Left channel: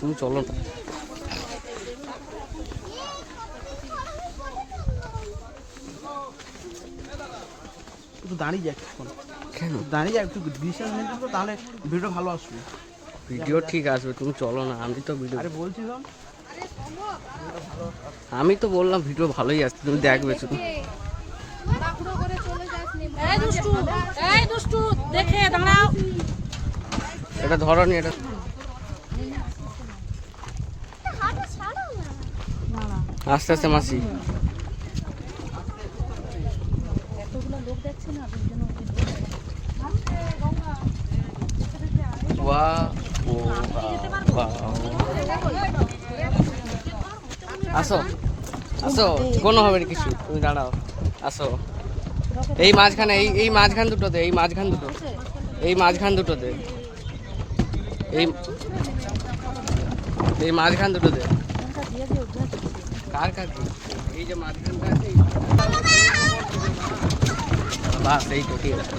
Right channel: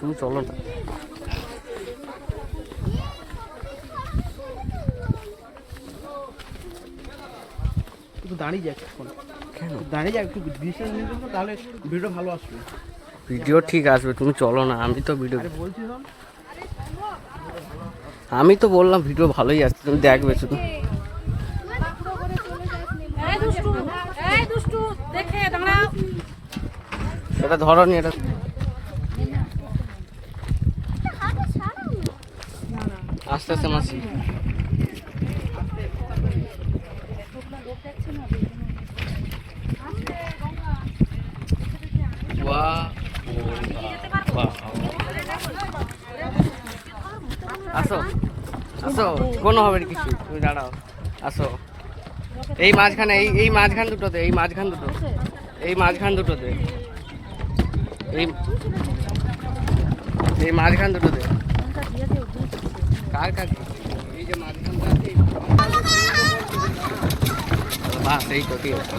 তুমি চলো না। একটু দাঁড়িয়ে যাক এখন, দাঁড়িয়ে যাক একটু ডিসটেন্স নিয়ে তো, তাহলে ভিডিও ভালো আসবে। ভিডিও ঠিক আসবে, তুমি চলো না। আমি তো ভিডিও বলছিলাম, আমি তো বললাম ভিডিও ভালোই আসছে, তুমি দেখবে শুধু। এটা ধরনি, এটা আস্তে আস্তে মাসি। আসো আসো, কোনো হবে না কিছু, তুমি দাঁড়াও, আসো। এই মাঝখানে, এই মাঝখান দুটোতে, এই মাঝখান দুটো, এই মাঝখান দুটোতে, এই মাঝখান দুটোতে। কার কাছে? এই যে মাঝখানটা আছে, বাস এই তো ঠিক আছে।